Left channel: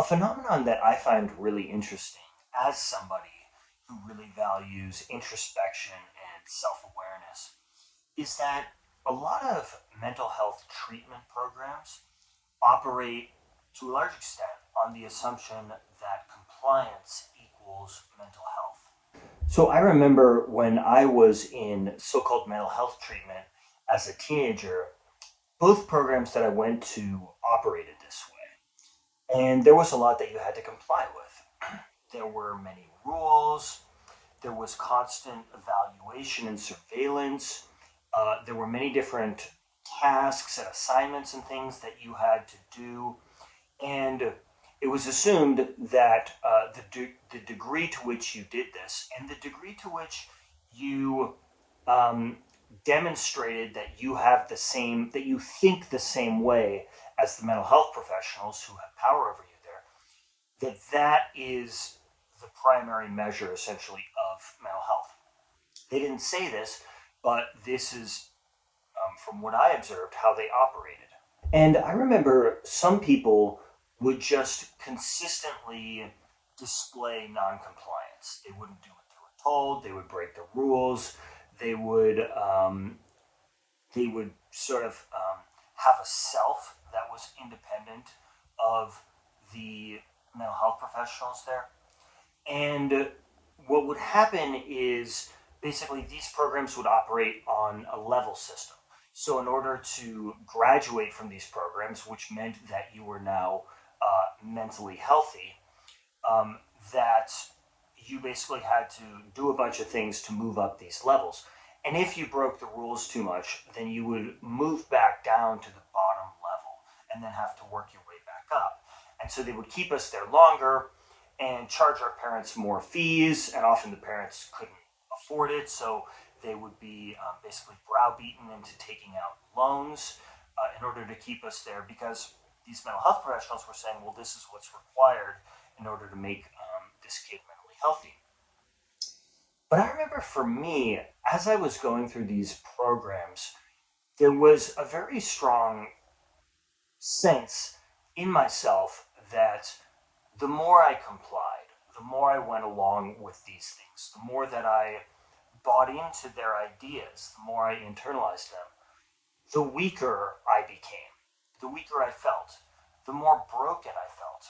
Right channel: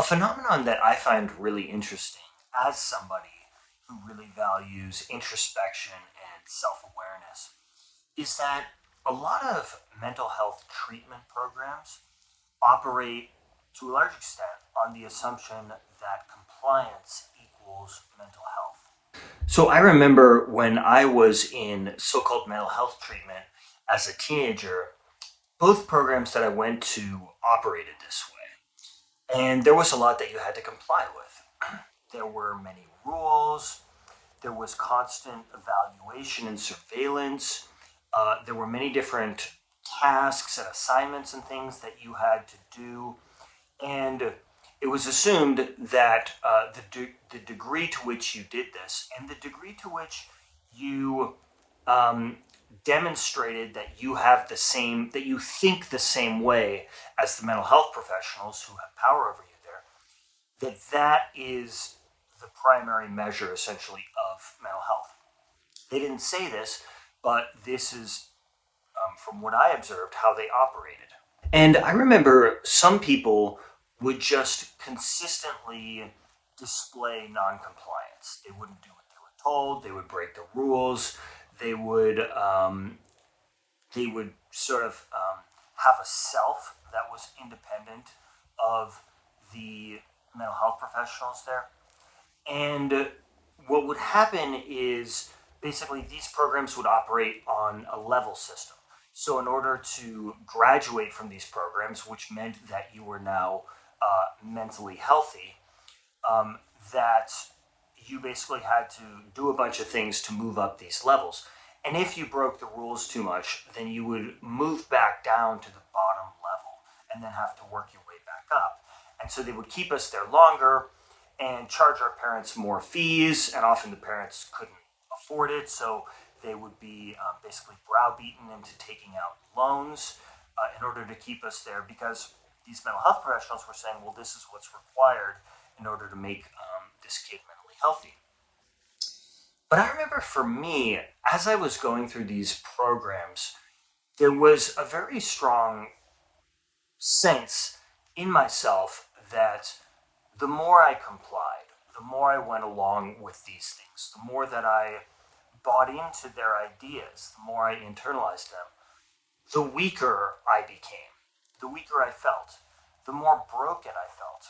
A phenomenon that I find really interesting as somebody who really values introspection and self awareness is that a lot of mental health treatment programs operate to a large extent on the assumption that compliance equals mental health. So I remember when I was in so called mental health treatment as a teenager, both programs that I went to operated this way. And there was a lot that you had to comply with. There were many rules, there was constant evaluation and surveillance, there were many different tasks and assignments and things that you had to do. And it was assumed that the degree to which you did this and the degree to which you um, demonstrated that you have the same, that you think the same way as the mental health professionals who have power over you there, that is the primary measure essentially of mental health. They didn't say this, but this is, from what I observed, how they operated. And I remember some people would just consistently display noncompliance. They wouldn't do what they were told. They would break the rules. They would sort of have a self that was independent of the mental health professionals there. And what would happen is basically these programs would operate on a level system. So, in order to graduate from these programs, which meant that you were now mentally healthy, um, that you basically had to do a bunch of things to move up these levels. And if you broke the rules too much, then you would move back down to the bottom level and then have to work your way back up. And so they would keep us there longer and charge our parents more fees, and often the parents couldn't afford it, so they would be basically browbeaten into taking out loans in order to keep us there because these mental health professionals were saying, well, this is what's required in order to make this kid mentally healthy. But I remember for me, as I was going through these programs, there was a very strong sense in myself that the more I complied, the more I went along with these things, the more that I bought into their ideas, the more I internalized them, the weaker I became, the weaker I felt, the more broken I felt.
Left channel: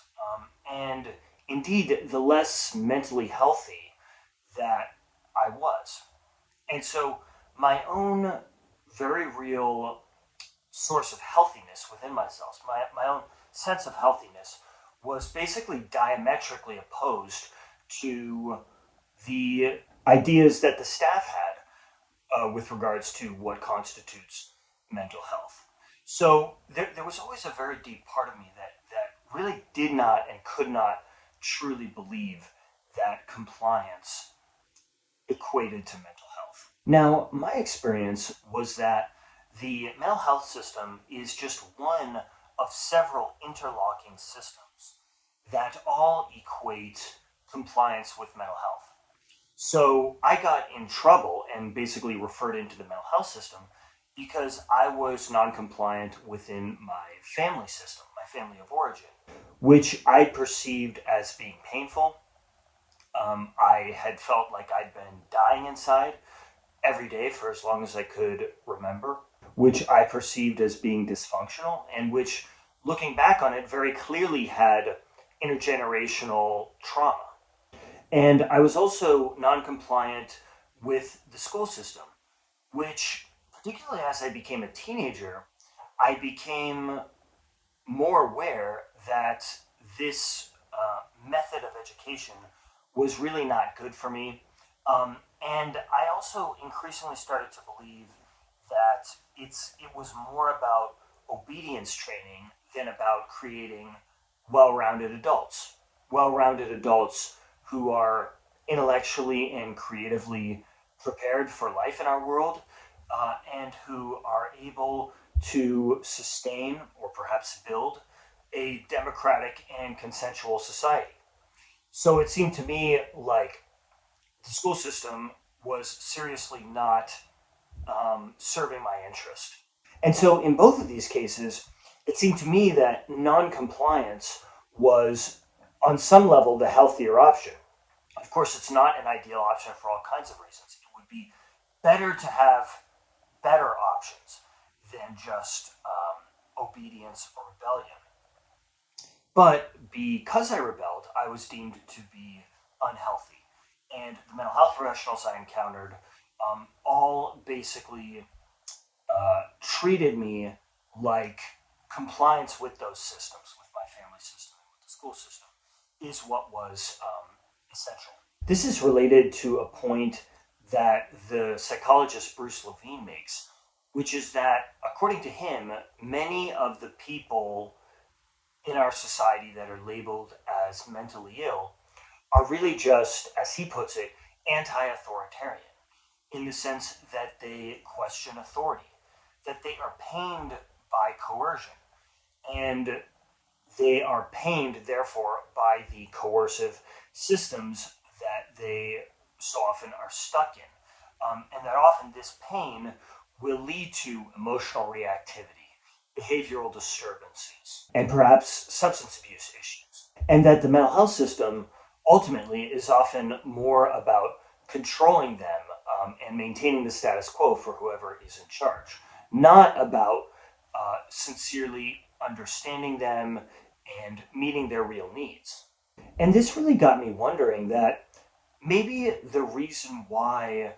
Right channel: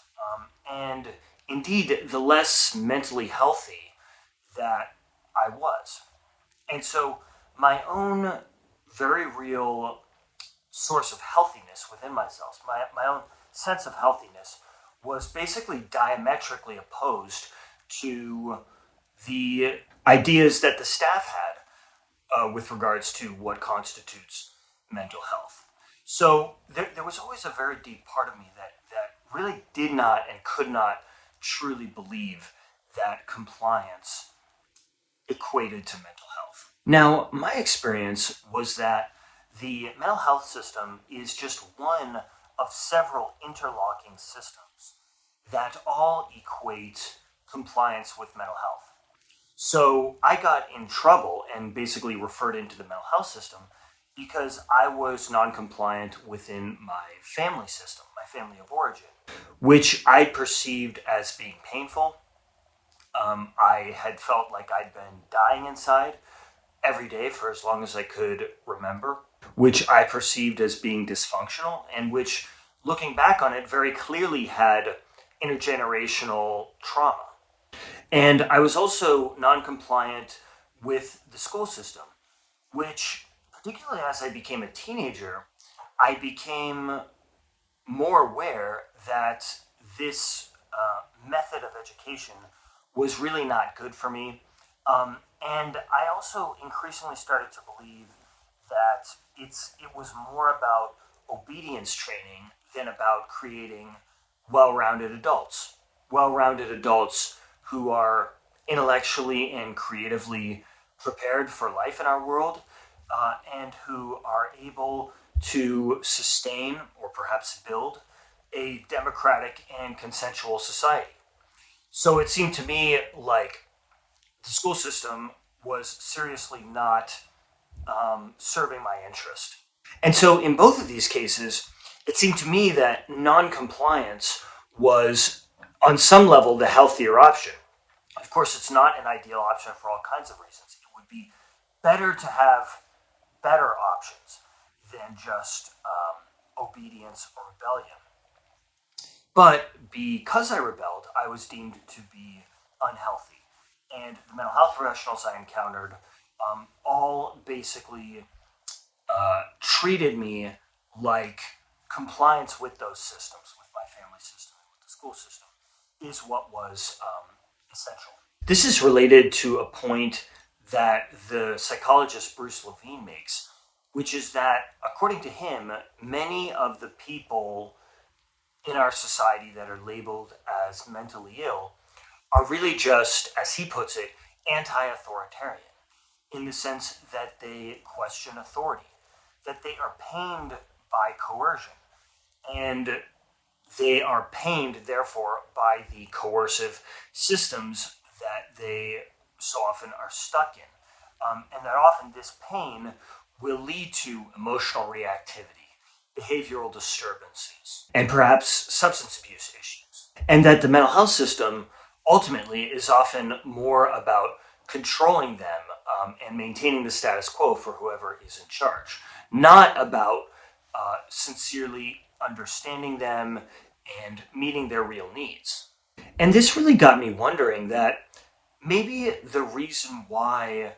And indeed, the less mentally healthy that I was. And so, my own very real source of healthiness within myself, my own sense of healthiness, was basically diametrically opposed to the ideas that the staff had with regards to what constitutes mental health. So there was always a very deep part of me that really did not and could not truly believe that compliance equated to mental health. Now, my experience was that the mental health system is just one of several interlocking systems that all equate compliance with mental health. So I got in trouble and basically referred into the mental health system because I was non-compliant within my family system, my family of origin, which I perceived as being painful. I had felt like I'd been dying inside every day for as long as I could remember, which I perceived as being dysfunctional, and which, looking back on it, very clearly had intergenerational trauma. And I was also non compliant with the school system, which, particularly as I became a teenager, I became more aware that this method of education was really not good for me. And I also increasingly started to believe that it was more about obedience training than about creating well-rounded adults. Well-rounded adults who are intellectually and creatively prepared for life in our world, and who are able to sustain or perhaps build a democratic and consensual society. So it seemed to me like the school system was seriously not serving my interest. And so in both of these cases, it seemed to me that non-compliance was, on some level, the healthier option. Of course, it's not an ideal option for all kinds of reasons. It would be better to have better options than just obedience or rebellion. But because I rebelled, I was deemed to be unhealthy. And the mental health professionals I encountered all basically treated me like compliance with those systems, with my family system, with the school system, is what was essential. This is related to a point that the psychologist Bruce Levine makes, which is that, according to him, many of the people in our society that are labeled as mentally ill are really just, as he puts it, anti authoritarian, in the sense that they question authority, that they are pained by coercion, and they are pained, therefore, by the coercive systems that they so often are stuck in. And that often this pain will lead to emotional reactivity, behavioral disturbances, and perhaps substance abuse issues. And that the mental health system ultimately is often more about controlling them and maintaining the status quo for whoever is in charge, not about sincerely understanding them and meeting their real needs. And this really got me wondering that maybe the reason why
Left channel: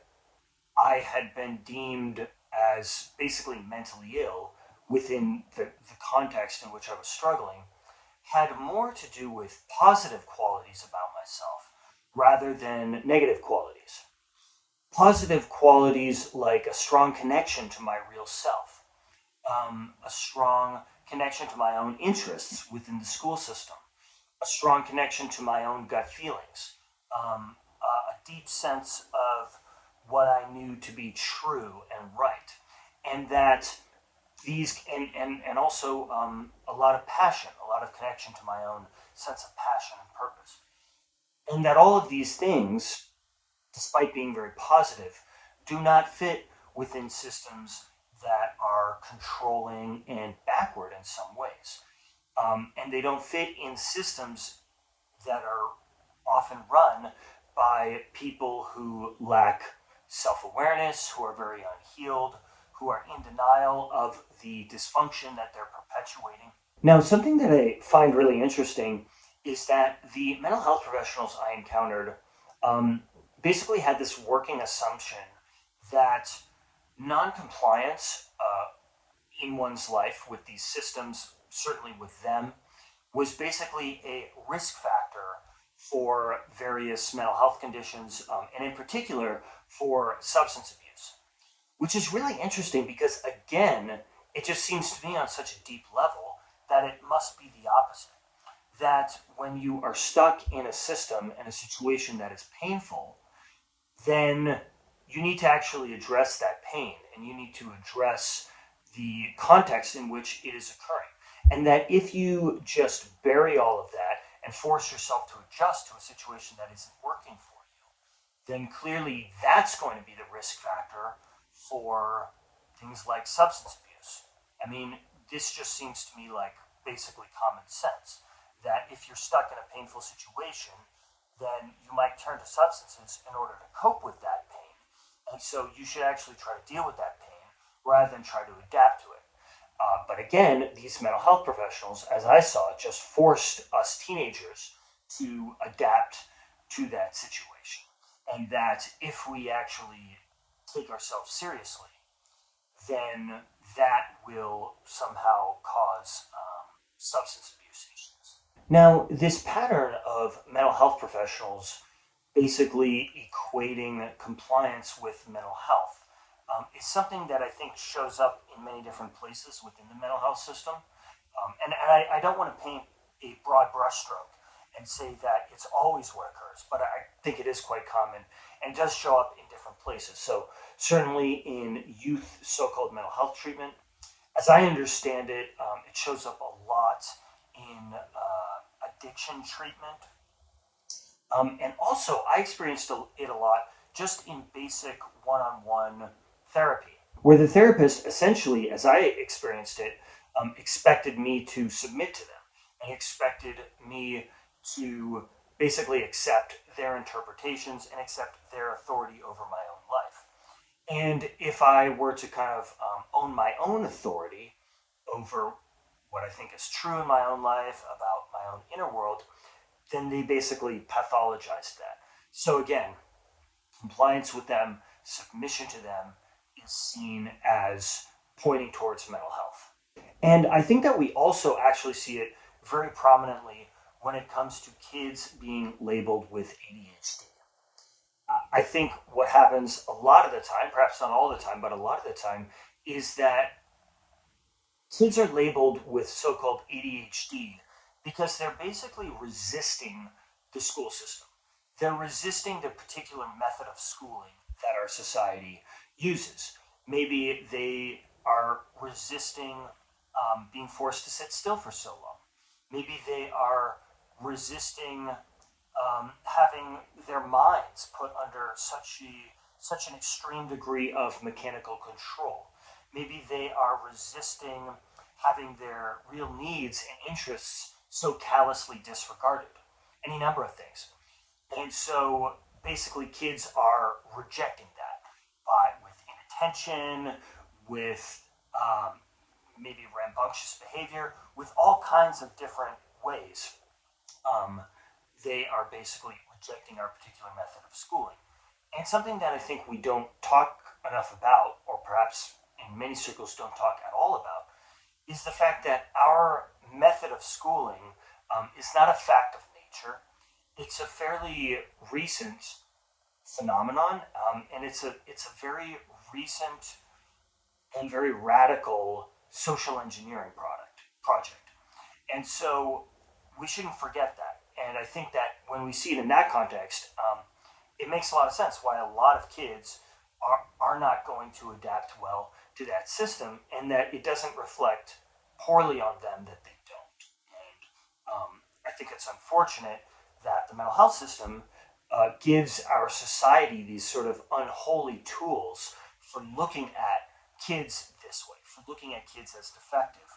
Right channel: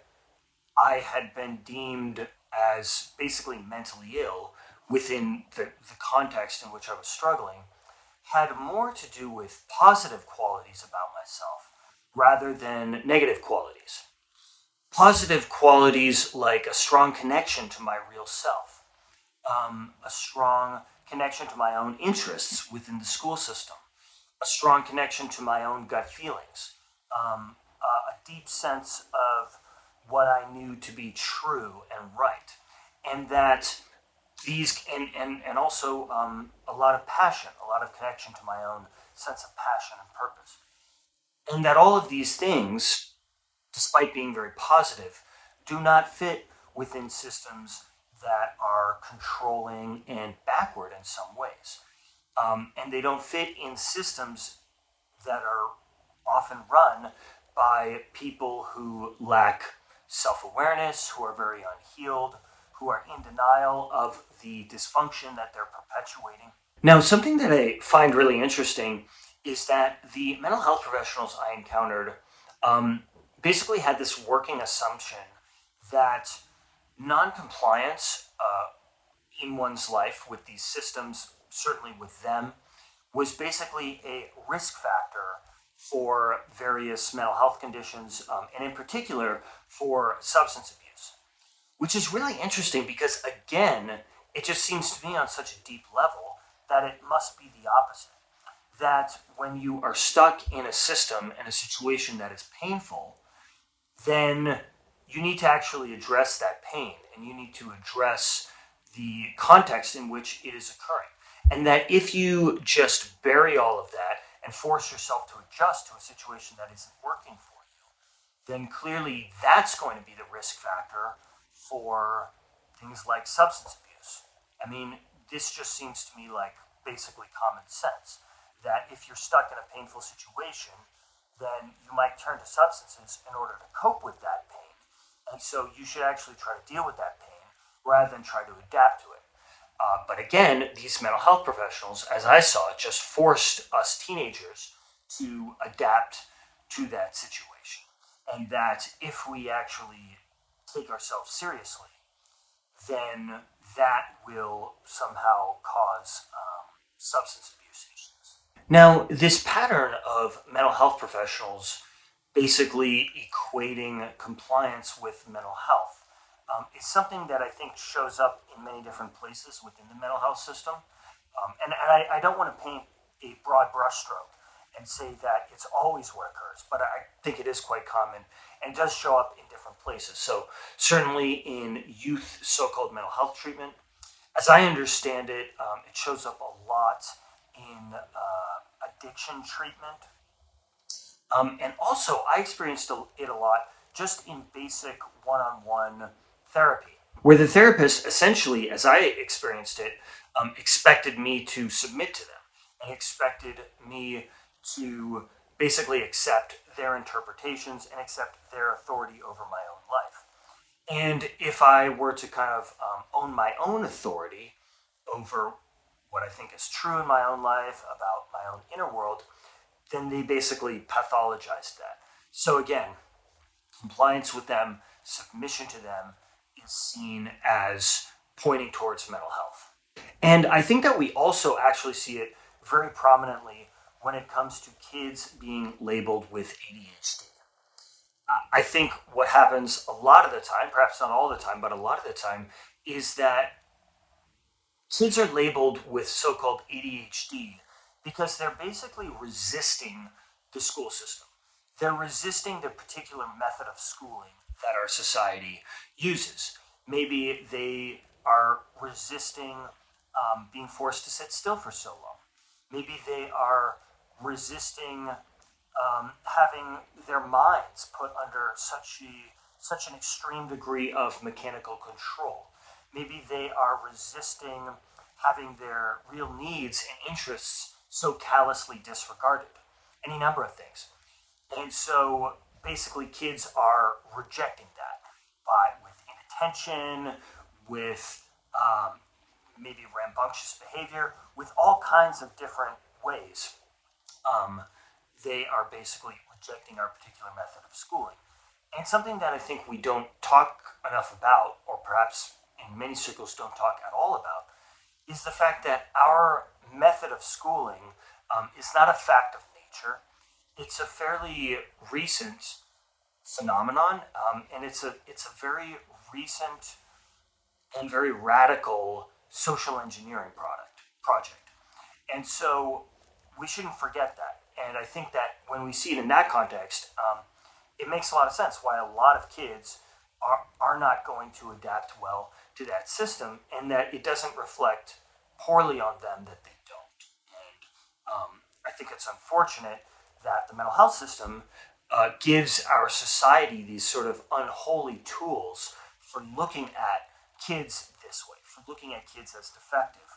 I had been deemed as basically mentally ill within the context in which I was struggling had more to do with positive qualities about myself rather than negative qualities. Positive qualities like a strong connection to my real self, a strong connection to my own interests within the school system, a strong connection to my own gut feelings, a deep sense of what I knew to be true and right, and that these and also a lot of passion, a lot of connection to my own sense of passion and purpose, and that all of these things, despite being very positive, do not fit within systems that are controlling and backward in some ways. And they don't fit in systems that are often run by people who lack self awareness, who are very unhealed, who are in denial of the dysfunction that they're perpetuating. Now, something that I find really interesting is that the mental health professionals I encountered basically had this working assumption that noncompliance in one's life with these systems, certainly with them, was basically a risk factor for various mental health conditions, and in particular for substance abuse, which is really interesting because, again, it just seems to me on such a deep level that it must be the opposite. That when you are stuck in a system and a situation that is painful, then you need to actually address that pain and you need to address the context in which it is occurring. And that if you just bury all of that and force yourself to adjust to a situation that isn't working for you, then clearly that's going to be the risk factor for things like substance abuse. I mean, this just seems to me like basically common sense that if you're stuck in a painful situation, then you might turn to substances in order to cope with that pain. And so you should actually try to deal with that pain rather than try to adapt to it. But again, these mental health professionals, as I saw it, just forced us teenagers to adapt to that situation. And that if we actually take ourselves seriously, then that will somehow cause substance abuse issues. Now, this pattern of mental health professionals basically equating compliance with mental health is something that I think shows up in many different places within the mental health system. And I don't want to paint a broad brushstroke and say that it's always what occurs, but I think it is quite common and it does show up in different places. So, certainly in youth so called mental health treatment, as I understand it, it shows up a lot in addiction treatment. And also, I experienced it a lot just in basic one on one therapy, where the therapist essentially, as I experienced it, expected me to submit to them and expected me to basically accept their interpretations and accept their authority over my own life. And if I were to kind of own my own authority over what I think is true in my own life about my own inner world, then they basically pathologized that. So again, compliance with them, submission to them is seen as pointing towards mental health. And I think that we also actually see it very prominently when it comes to kids being labeled with ADHD. I think what happens a lot of the time, perhaps not all the time, but a lot of the time, is that kids are labeled with so called ADHD because they're basically resisting the school system. They're resisting the particular method of schooling that our society uses. Maybe they are resisting being forced to sit still for so long. Maybe they are resisting having their minds put under such an extreme degree of mechanical control. Maybe they are resisting having their real needs and interests so callously disregarded. Any number of things. And so basically kids are rejecting that by with inattention, with maybe rambunctious behavior, with all kinds of different ways. Um, they are basically rejecting our particular method of schooling. And something that I think we don't talk enough about, or perhaps in many circles don't talk at all about, is the fact that our method of schooling is not a fact of nature. It's a fairly recent phenomenon, and it's a very recent and very radical social engineering project. And so we shouldn't forget that. And I think that when we see it in that context, it makes a lot of sense why a lot of kids are not going to adapt well to that system, and that it doesn't reflect poorly on them that they don't. And I think it's unfortunate that the mental health system gives our society these sort of unholy tools for looking at kids this way, for looking at kids as defective,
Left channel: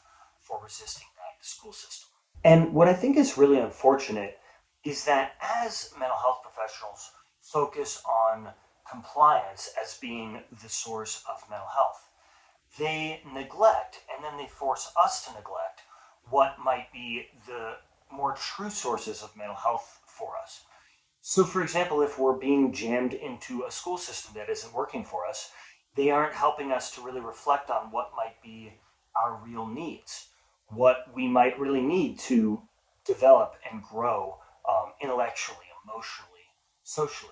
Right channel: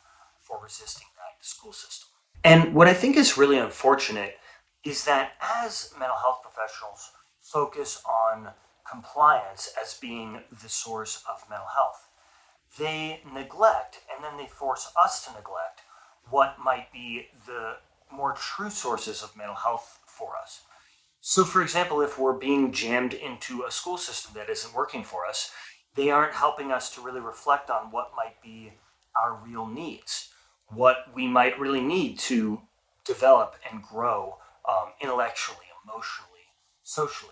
for resisting that school system. And what I think is really unfortunate is that as mental health professionals focus on compliance as being the source of mental health, they neglect and then they force us to neglect what might be the more true sources of mental health for us. So, for example, if we're being jammed into a school system that isn't working for us, they aren't helping us to really reflect on what might be our real needs, what we might really need to develop and grow intellectually, emotionally, socially,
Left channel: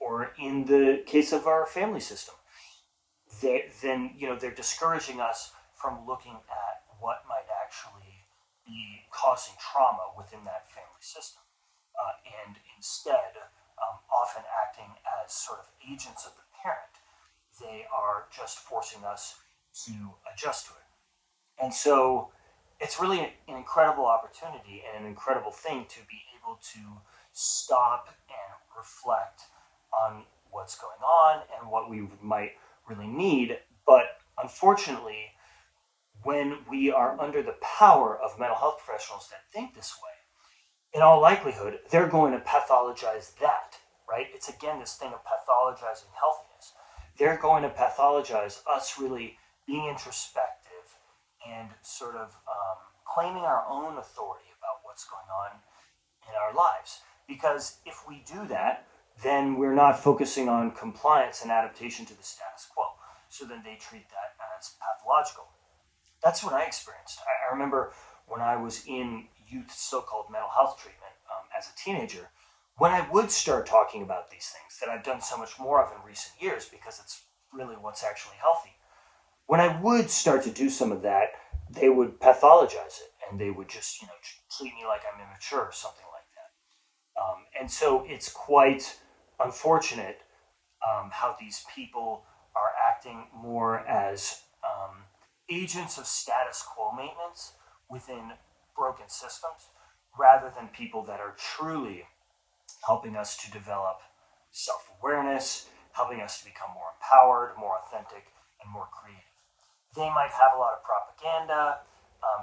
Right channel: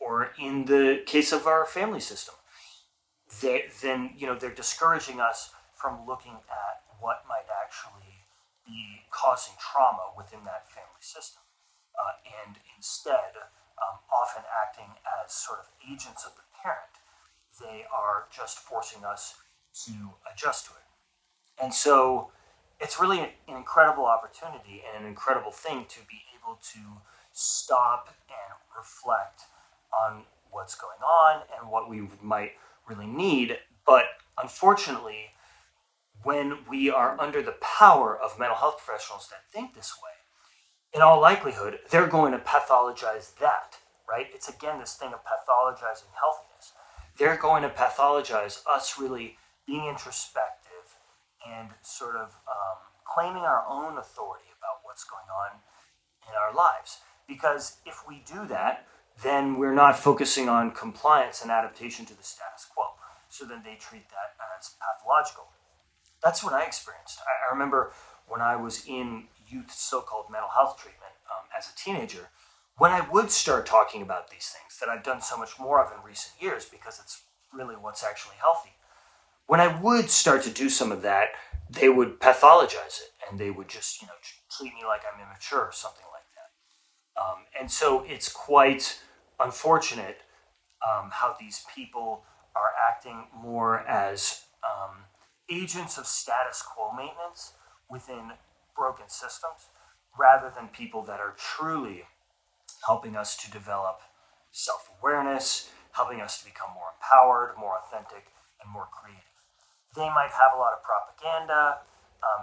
or in the case of our family system, then they're discouraging us from looking at what might actually be causing trauma within that family system, and instead, often acting as sort of agents of the parent, they are just forcing us to adjust to it. And so it's really an incredible opportunity and an incredible thing to be able to stop and reflect on what's going on and what we might really need. But unfortunately, when we are under the power of mental health professionals that think this way, in all likelihood, they're going to pathologize that, right? It's again this thing of pathologizing healthiness. They're going to pathologize us really being introspective and sort of claiming our own authority about what's going on in our lives. Because if we do that, then we're not focusing on compliance and adaptation to the status quo. So then they treat that as pathological. That's what I experienced. I remember when I was in youth so-called mental health treatment as a teenager, when I would start talking about these things that I've done so much more of in recent years because it's really what's actually healthy. When I would start to do some of that, they would pathologize it and they would just, treat me like I'm immature or something like that. And so it's quite unfortunate how these people are acting more as agents of status quo maintenance within broken systems rather than people that are truly helping us to develop self awareness, helping us to become more empowered, more authentic, and more creative. They might have a lot of propaganda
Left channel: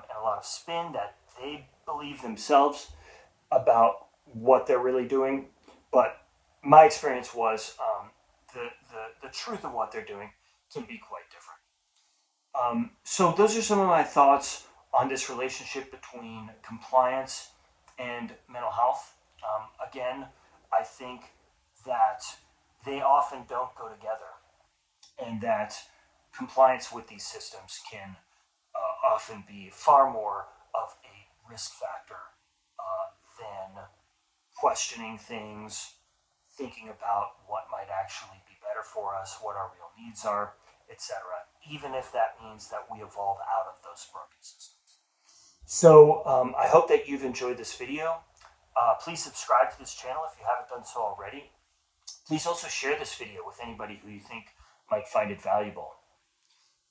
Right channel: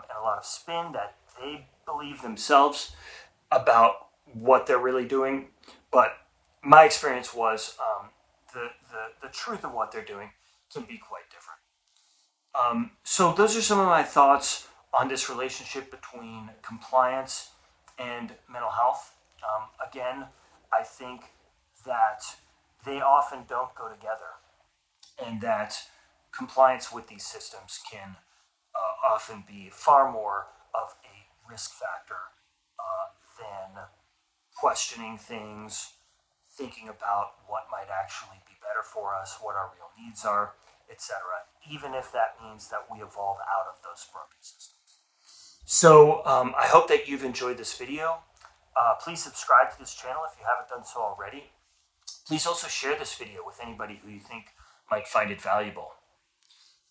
and a lot of spin that they believe themselves about what they're really doing. But my experience was the truth of what they're doing can be quite different. So those are some of my thoughts on this relationship between compliance and mental health. Again, I think that they often don't go together, and that compliance with these systems can often be far more of a risk factor than questioning things, thinking about what might actually be better for us, what our real needs are, etc., even if that means that we evolve out of those broken systems. So I hope that you've enjoyed this video. Please subscribe to this channel if you haven't done so already. Please also share this video with anybody who you think might find it valuable.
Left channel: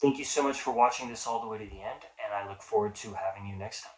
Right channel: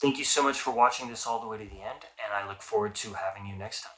Thank you so much for watching this all the way to the end, and I look forward to having you next time.